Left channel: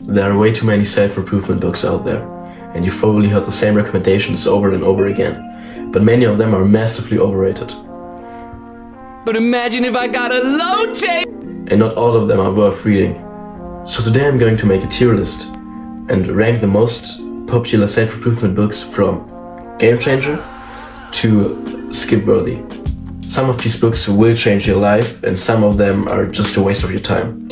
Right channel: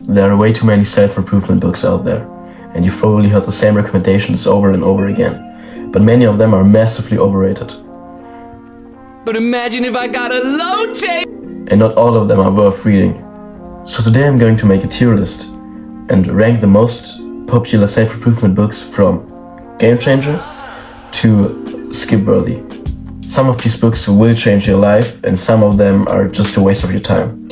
There are way too many self-improvement books out there, and you've probably heard the same recommendations over and over again, but many of them are massively overrated. But imagine if I got a low tape! And not all of them are worth reading. So today I'm going to make a tier list and rank the most popular self-improvement books from game changer to skip-worthy. Some of these books will change your life, and some of them are just a waste of your time.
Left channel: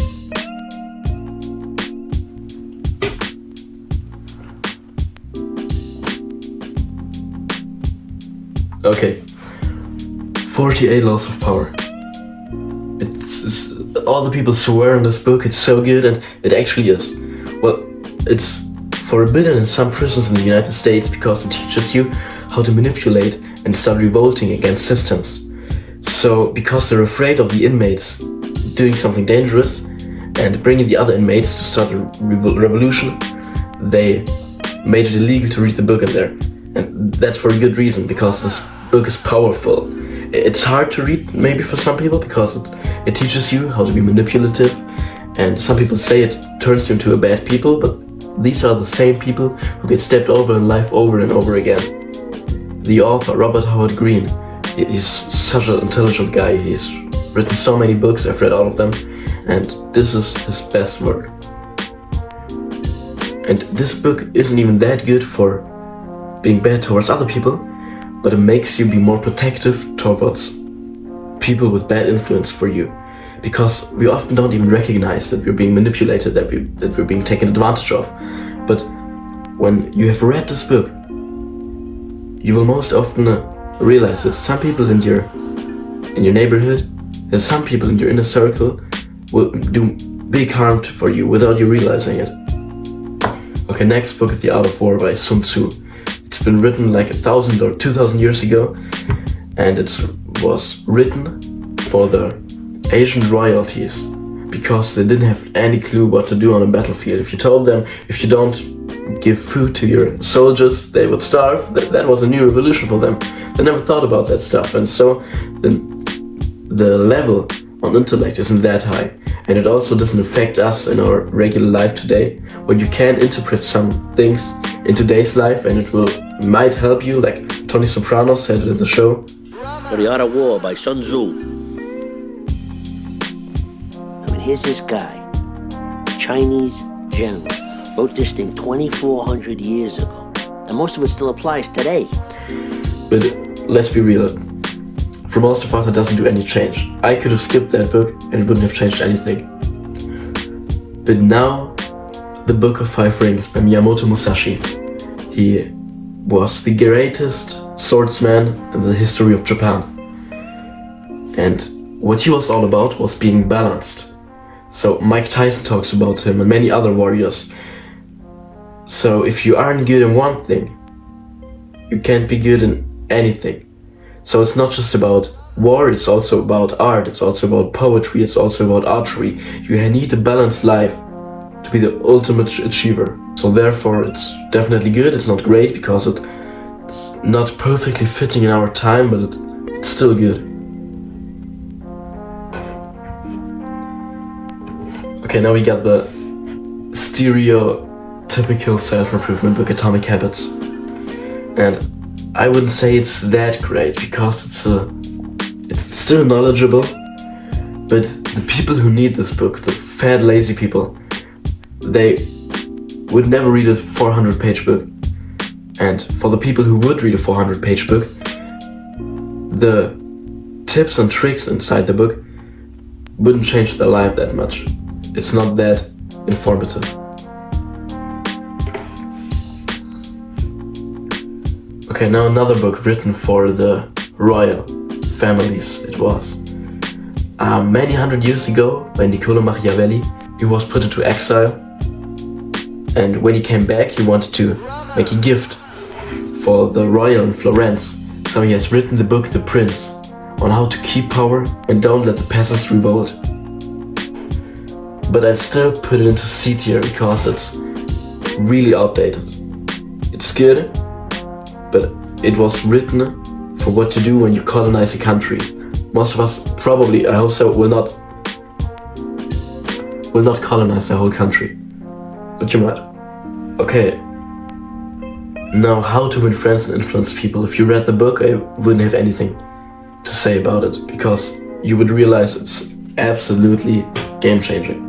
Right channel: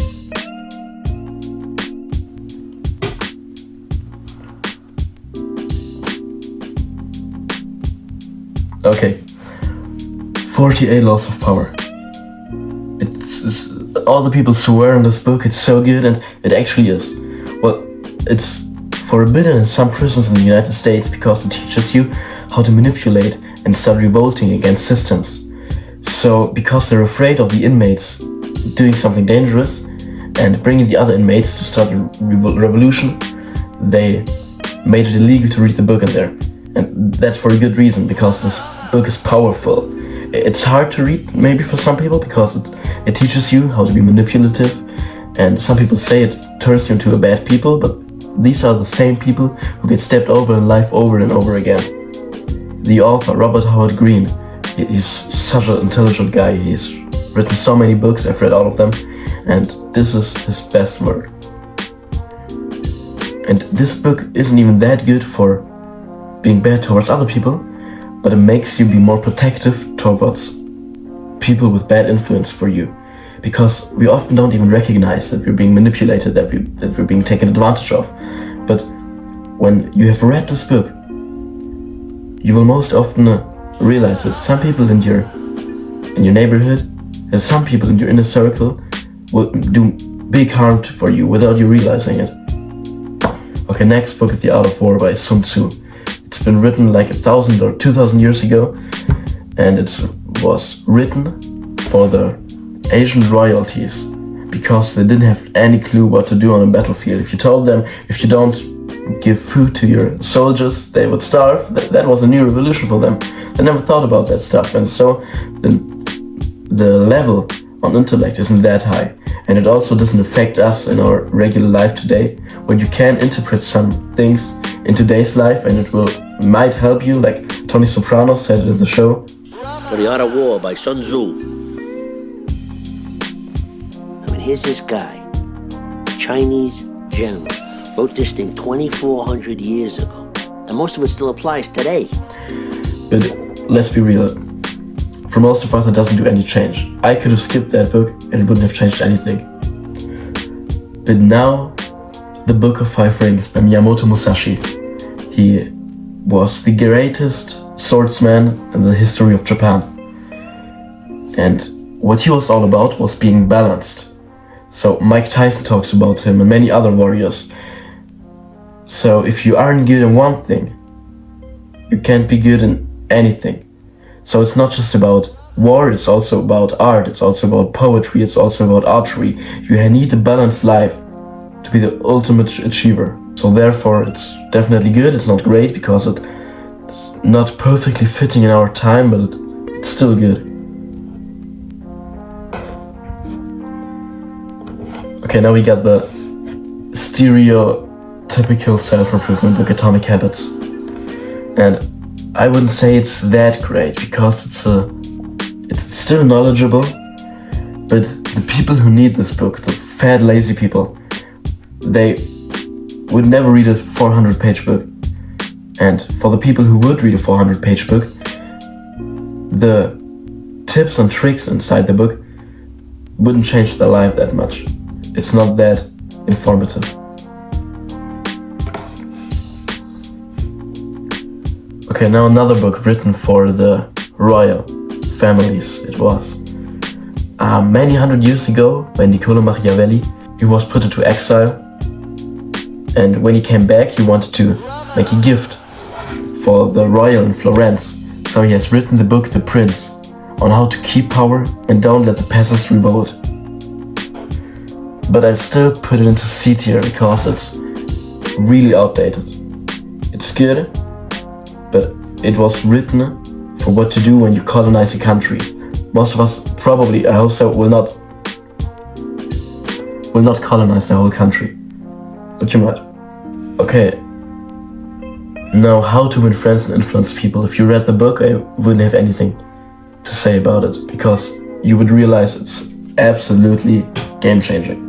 Okay, 48 Laws of Power. It's all the people swear in this book it's so good, and it actually is. Well, it's forbidden in some prisons in the United States because it teaches you how to manipulate and start revolting against systems. So, because they're afraid of the inmates doing something dangerous and bringing the other inmates to start a revolution, they made it illegal to read the book in there. And that's for a good reason, because this book is powerful. It's hard to read maybe for some people because it teaches you how to be manipulative, and some people say it turns you into a bad people, but these are the same people who get stepped over in life over and over again. The author, Robert Howard Green, he's such an intelligent guy. He's written so many books, I've read all of them, and this is his best work. And this book isn't even that good for being bad towards other people, but it makes you be more protective towards people with bad influence for you. Because we often don't even recognize that we're being manipulated, that we're being taken advantage of. But when you have read this book, you will most often realize that some people in your neighborhood, and some people in your inner circle will do big harm for you without you realizing it. Okay, next book is The Art of War by Sun Tzu. It's been written like 1,000 or 2,000 years ago, and it was written for the Asian royalties because they didn't have any clue what to do on a battlefield. If you told them, if you don't give food to your soldiers, they would starve. That was a new revolution for them. They never thought about that stuff, and so the level on intellect isn't that high, and it also doesn't affect us in our regular life today, where you can interpret some things in today's life, and might help you, like Tony Soprano said in the show. For The Art of War by Sun Tzu. I mean, here's this guy, Chinese general, wrote this thing 2,400 years ago, and most of it still applies today. But let's be real, for most of us it doesn't do any change. I could have skipped that book and it wouldn't have changed anything. But now, The Book of Five Rings by Miyamoto Musashi. He was the greatest swordsman in the history of Japan. And what he was all about was being balanced. So Mike Tyson talks about him and many other warriors. So if you aren't good in one thing, you can't be good in anything. So it's not just about war, it's also about art, it's also about poetry, it's also about archery. You need a balanced life to be the ultimate achiever. So therefore it's definitely good. It's not great because it's not perfectly fitting in our time, but it's still good. Okay, now we got the stereotypical self-improvement book, Atomic Habits. And I wouldn't say it's that great because it's still knowledgeable, but the people who need this book, the fat lazy people, they would never read a 400-page book. And for the people who would read a 400-page book, the tips and tricks inside the book wouldn't change their life that much. It's not that informative. Okay, now another book written for the royal families. It was many hundred years ago by Niccolo Machiavelli. He was put into exile, and when he came back he wanted to make a gift for the royal in Florence. So he has written the book The Prince, on how to keep power and don't let the peasants revolt. But I'd still put it into C tier because it's really outdated. It's good, but it was written for what to do when you colonize a country. Most of us probably, I hope so, will not colonize the whole country. but you might. Okay. Now, how to win friends and influence people. If you read the book, I wouldn't have anything to say about it, because you would realize it's absolutely game-changing.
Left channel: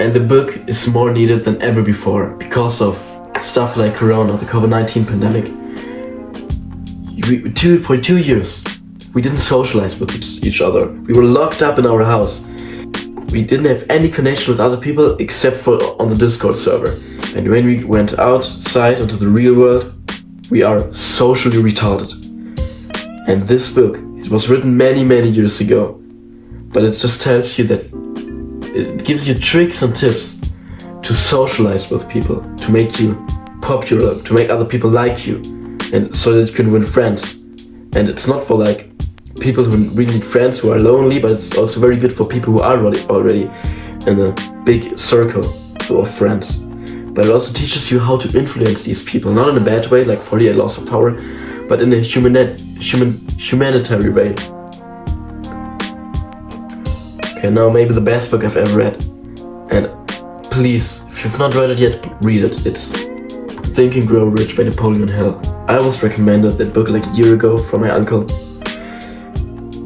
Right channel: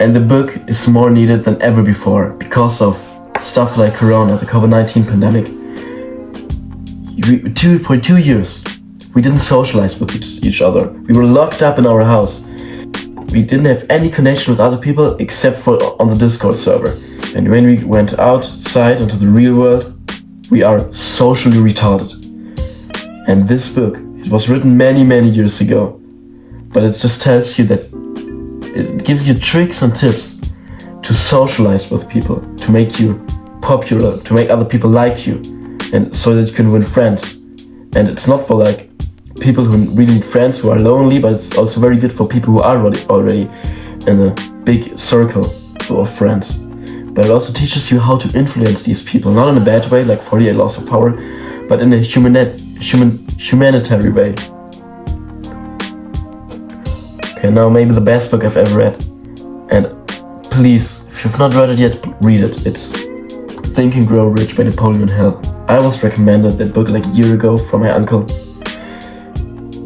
And the book is more needed than ever before because of stuff like Corona, the COVID-19 pandemic. For 2 years, we didn't socialize with each other. We were locked up in our house. We didn't have any connection with other people except for on the Discord server. And when we went outside into the real world, we are socially retarded. And this book, it was written many, many years ago, but it just tells you that it gives you tricks and tips to socialize with people, to make you popular, to make other people like you, and so that you can win friends. And it's not for like people who really need friends who are lonely, but it's also very good for people who are already in a big circle of friends. But it also teaches you how to influence these people, not in a bad way, like 48 Laws of Power, but in a humanitarian way. Okay, now maybe the best book I've ever read. And please, if you've not read it yet, read it. It's Think and Grow Rich by Napoleon Hill. I was recommended that book like a year ago from my uncle.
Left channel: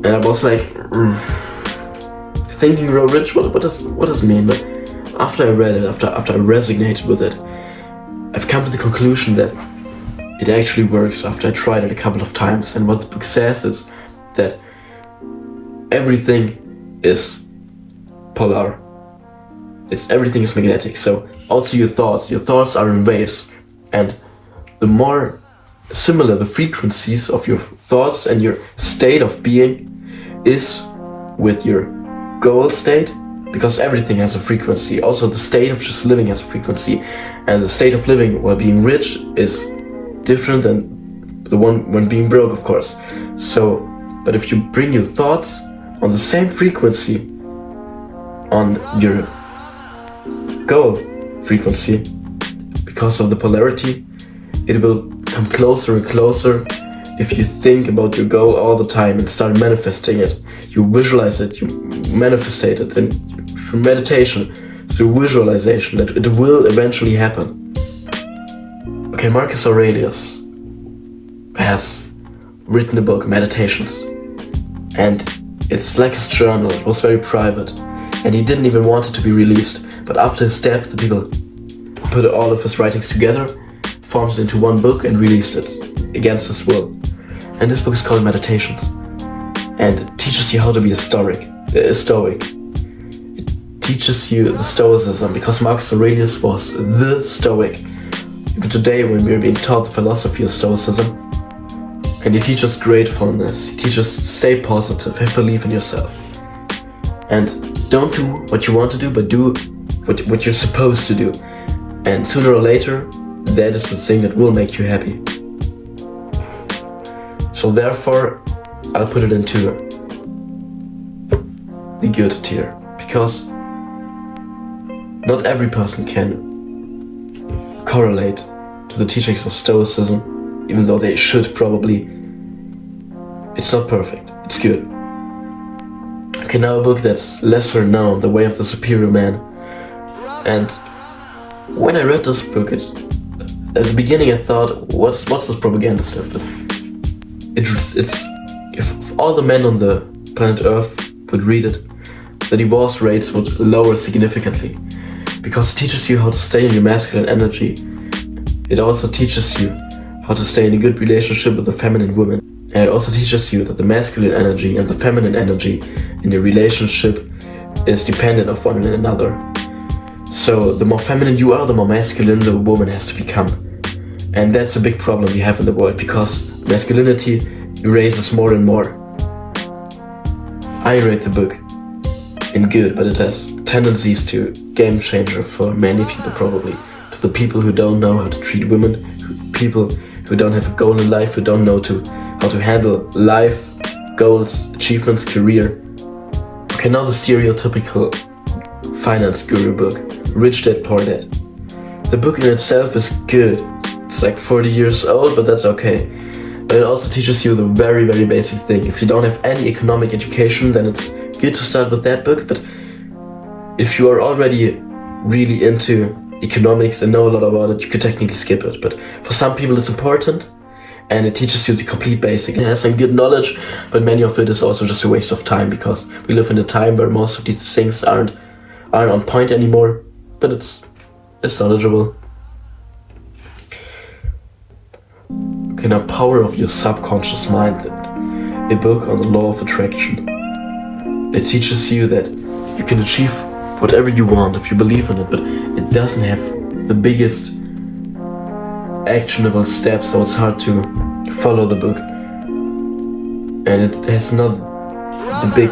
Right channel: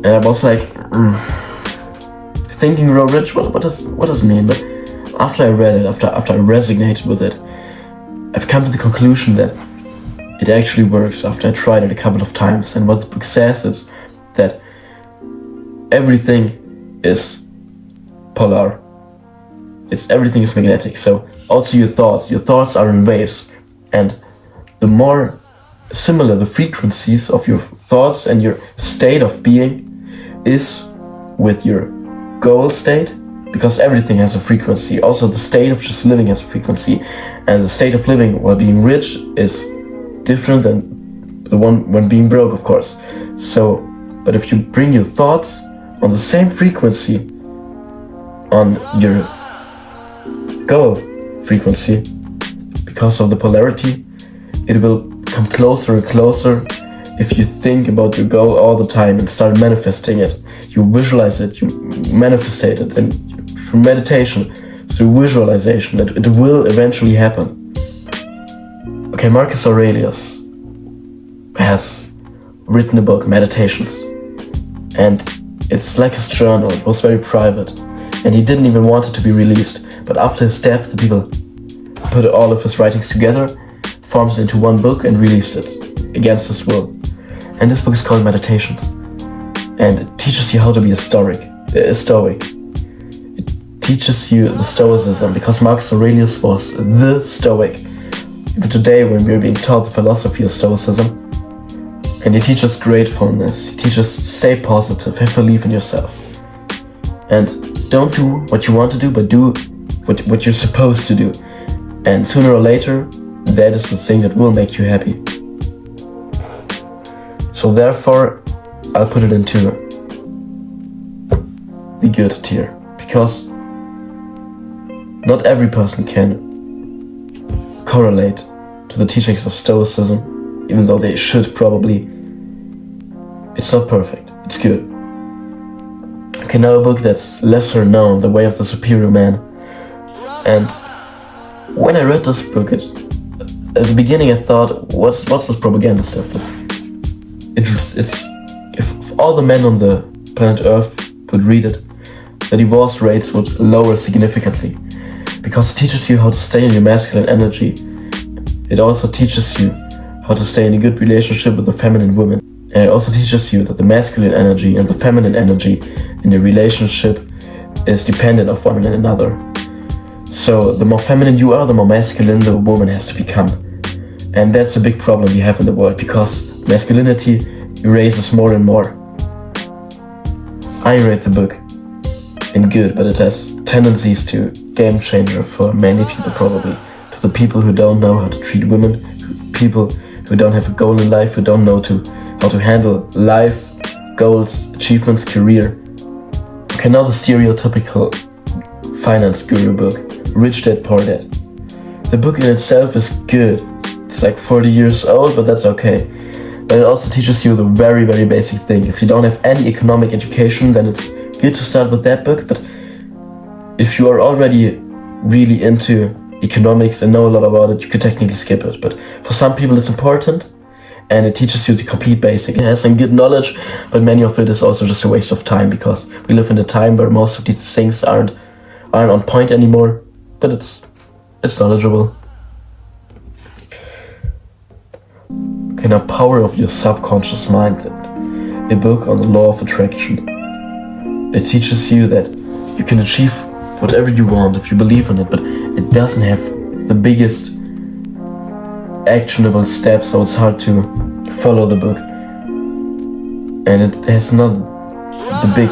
And I was like, Think and Grow Rich? What does it mean? But after I read it, after I resonated with it, I've come to the conclusion that it actually works after I tried it a couple of times. And what the book says is that everything is polar. Everything is magnetic. So also your thoughts are in waves. And the more similar the frequencies of your thoughts and your state of being is with your goal state, because everything has a frequency. Also the state of just living has a frequency, and the state of living while being rich is different than the one when being broke, of course. So, but if you bring your thoughts on the same frequency on your goal frequency, because of the polarity, it will come closer and closer. If you think about your goal all the time and start manifesting it, you visualize it, you manifestate it, and through meditation, through visualization, it will eventually happen. Okay, Marcus Aurelius has written a book, Meditations, and it's like his journal. It was very private, and he didn't even want it to be released. But after his death, the people put all of his writings together, formed it into one book, and released it against his will. And this book is called Meditations, and it teaches you how to be a stoic. It teaches you the stoicism, because Marcus Aurelius was the stoic. Even today, when we're being taught the philosophy of stoicism, and he teaches gratefulness, he teaches stay positive, have belief in yourself, and don't do what you want to do, but do what you're supposed to do. And sooner or later, that is the thing that will make you happy. So therefore, I'll put it into the good tier, because not every person can correlate to the teachings of Stoicism, even though they should probably. It's not perfect, it's good. Okay, now a book that's lesser known, The Way of the Superior Man. And when I read this book, at the beginning I thought, what's this propaganda stuff? It's if all the men on the planet Earth would read it, the divorce rates would lower significantly, because it teaches you how to stay in your masculine energy. It also teaches you how to stay in a good relationship with the feminine woman, and it also teaches you that the masculine energy and the feminine energy in the relationship is dependent of one another. So the more feminine you are, the more masculine the woman has to become. And that's a big problem we have in the world, because masculinity erases more and more. I rate the book in good, but it has tendencies to game changer for many people, probably. To the people who don't know how to treat women, people who don't have a goal in life, who don't know how to handle life, goals, achievements, career. Okay, now the stereotypical finance guru book, Rich Dad Poor Dad. The book in itself is good. It's like 40 years old, but that's okay. But it also teaches you the very, very basic thing. If you don't have any economic education, then it's good to start with that book. But if you are already really into economics and know a lot about it, you could technically skip it. But for some people it's important, and it teaches you the complete basics. It has some good knowledge, but many of it is also just a waste of time, because we live in a time where most of these things aren't on point anymore. But it's knowledgeable. Okay, now Power of Your Subconscious Mind, then. A book on the law of attraction. It teaches you that you can achieve whatever you want if you believe in it, but it doesn't have the biggest actionable steps, so it's hard to follow the book. And it has not the big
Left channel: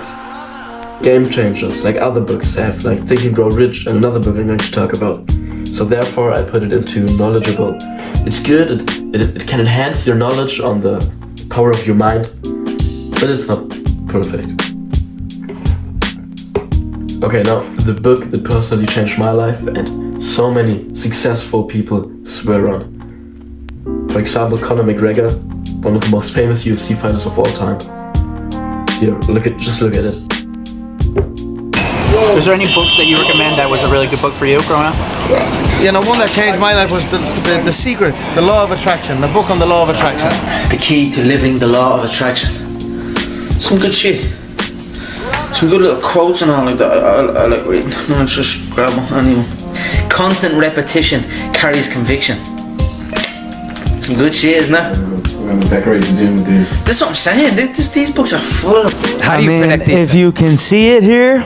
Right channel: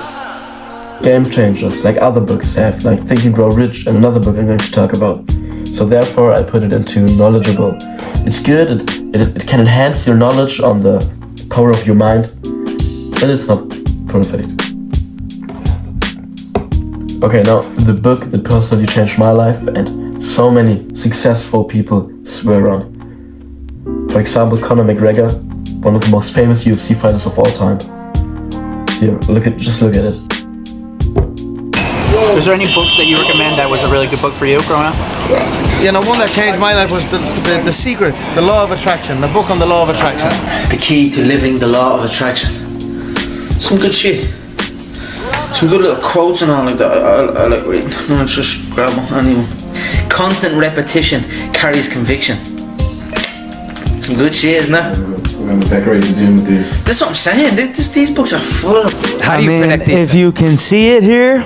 game changers like other books have, like Think and Grow Rich and another book I'm going to talk about. So therefore I put it into knowledgeable. It's good, it can enhance your knowledge on the power of your mind, but it's not perfect. Okay, now the book that personally changed my life and so many successful people swear on. For example, Conor McGregor, one of the most famous UFC fighters of all time. Here, just look at it. Is there any books that you recommend that was a really good book for you growing up? You know, one that changed my life was the Secret, the Law of Attraction, the book on the Law of Attraction. The Key to Living the Law of Attraction. Some good shit. Some good little quotes and all like that. I like reading. No, it's just grab one. Anyway. Constant repetition carries conviction. Some good shit, isn't it? We're gonna decorate the gym with these. That's what I'm saying. These books are full of them. How do you predict these? If you can see it here,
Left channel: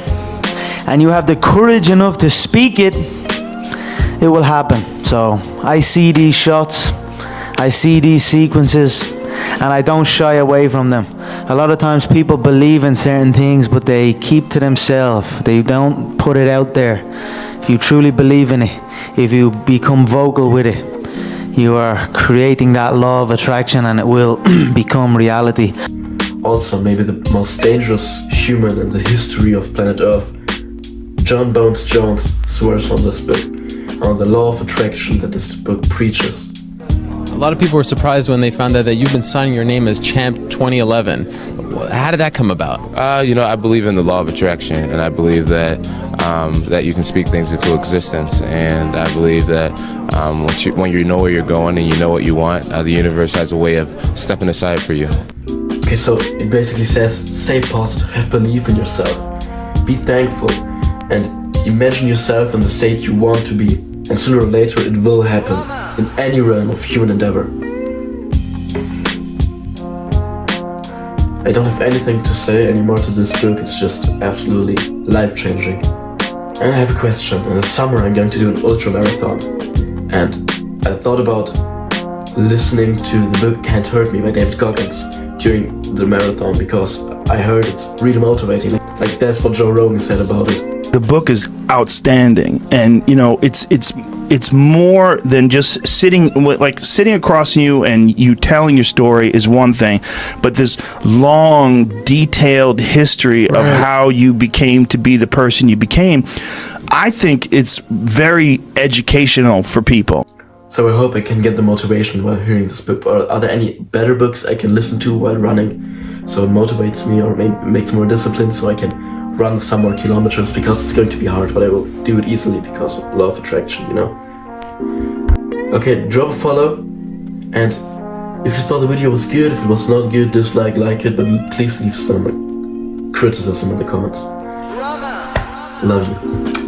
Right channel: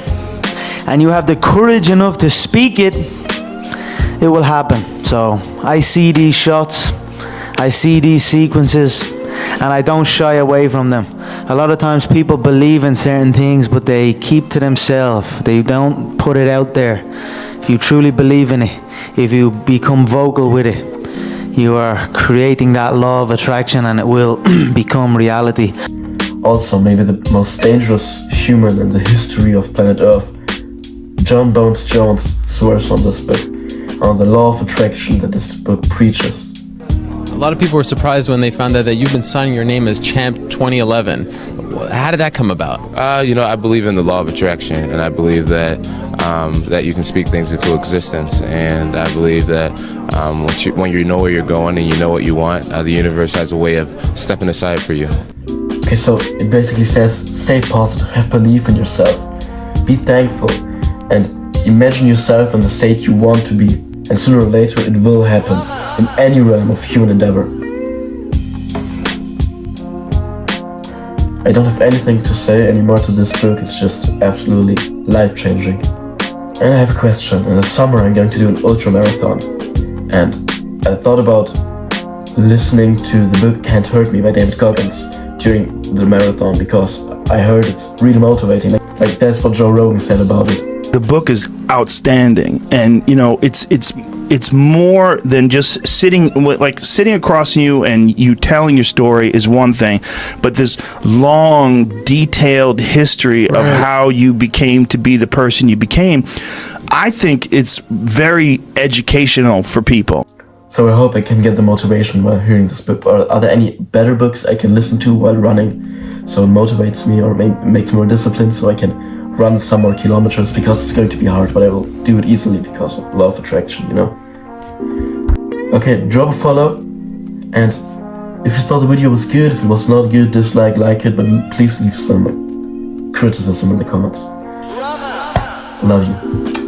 and you have the courage enough to speak it, it will happen. So I see these shots, I see these sequences, and I don't shy away from them. A lot of times people believe in certain things, but they keep to themselves. They don't put it out there. If you truly believe in it, if you become vocal with it, you are creating that law of attraction, and it will become reality. Also, maybe the most dangerous human in the history of planet Earth, John Bones Jones, swears on this book, on the law of attraction that this book preaches. A lot of people were surprised when they found out that you've been signing your name as Champ 2011. How did that come about? I believe in the law of attraction, and I believe that that you can speak things into existence. And I believe that when you know where you're going and you know what you want, the universe has a way of stepping aside for you. Okay, so it basically says, stay positive, have belief in yourself, be thankful, and imagine yourself in the state you want to be. And sooner or later it will happen in any realm of human endeavor. I don't have anything to say anymore to this book, it's just absolutely life-changing. And I have a question. In the summer I'm going to do an ultra marathon. And I thought about listening to the book Can't Hurt Me by David Goggins during the marathon, because I heard it's really motivating. Like that's what Joe Rogan said about it. The book is outstanding, and it's more than just sitting across from you and you telling your story is one thing, but this long, detailed history of how you became to be the person you became, I think it's very educational for people. So I hope I can get the motivation while hearing this book. Are there any better books I can listen to while running, so it motivates me or makes me more disciplined, so I can run some more kilometers, because it's going to be hard, but I will do it easily because of law of attraction, you know. Okay, drop a follow, and if you thought the video was good, if it was not good, dislike, like it, but please leave some criticism in the comments. Love you.